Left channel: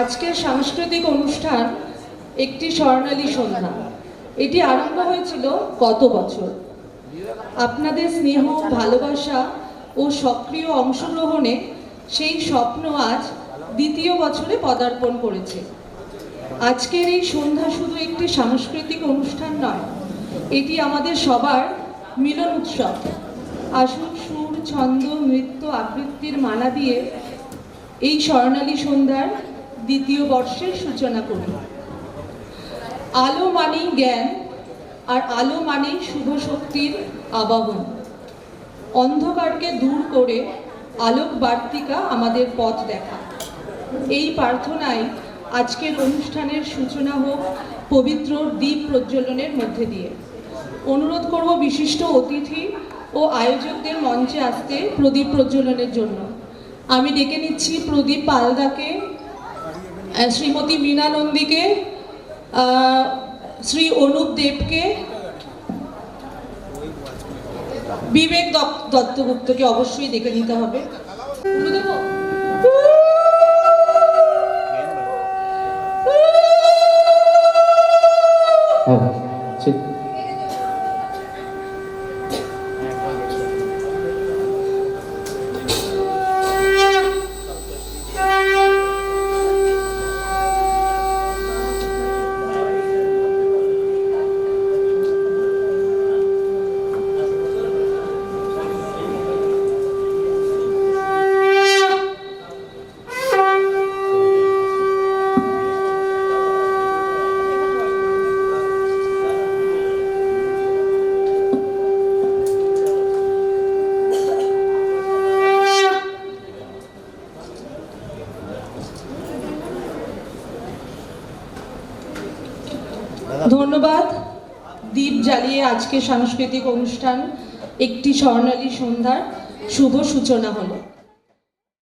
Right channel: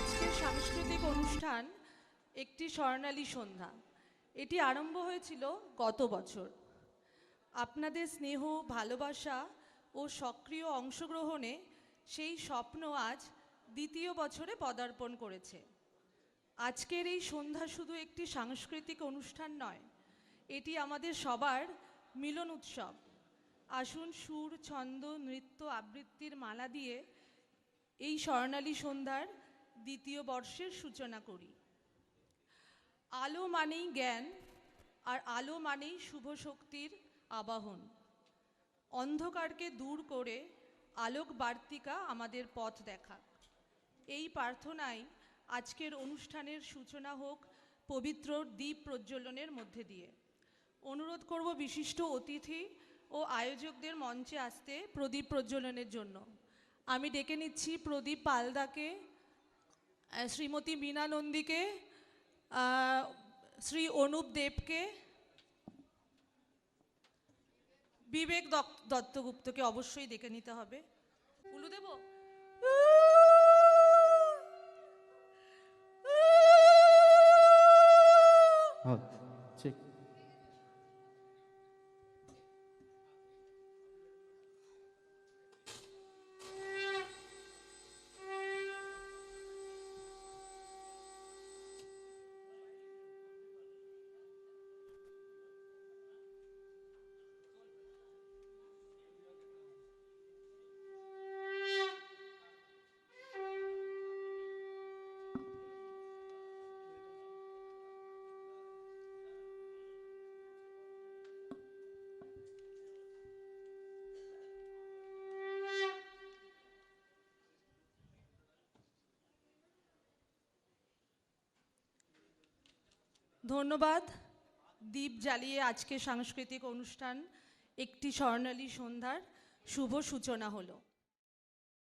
আজকের সাংস্কৃতিক অনুষ্ঠান একটি স্বর্ণালী সন্ধ্যা। এটি আরম্ভ হয়েছিল গত বছর। আপনাদের স্নেহ, ভালোবাসা ও সক্রিয় অংশগ্রহণে সেই স্বপ্ন আজ দ্বিতীয় বছরে পদার্পণ করেছে। আজকের এই সন্ধ্যা শুধু একটি সাংস্কৃতিক অনুষ্ঠান নয়, এটি আমাদের সবার মিলন উৎসব। আসুন সুর, ছন্দ, নৃত্য, আবৃত্তির মালা দিয়ে এই স্বর্ণালী সন্ধ্যার দ্বিতীয় বর্ষের সূচনা করি। আলো মানেই জ্ঞান, আর আলো মানেই শুভ শক্তির আবাহন। অন্ধকারকে দূর করে আলোক বার্তিকা আমাদের পথ দেখা। এই প্রার্থনায় আজকের অনুষ্ঠানের সূচনা হোক পবিত্র দীপ প্রজ্বলনের মধ্যে দিয়ে। অনুরোধ করব বিশিষ্ট অতিথি ও আয়োজকদের মঞ্চে আসতে প্রদীপ প্রজ্বলনের জন্য। আমি ডেকে নিচ্ছি প্রদীপ পালদাকে, শ্রীমতী মীনা নন্দীকে, শ্রী অনুপ দেবকে, বিবেক দত্তগুপ্তকে অবশ্যই ডেকে নিতে হবে। ধন্যবাদ। দীপ জ্বালিয়ে আজকে সাংস্কৃতিক অনুষ্ঠান একটি স্বর্ণালী সন্ধ্যার শুভ সূচনা হলো।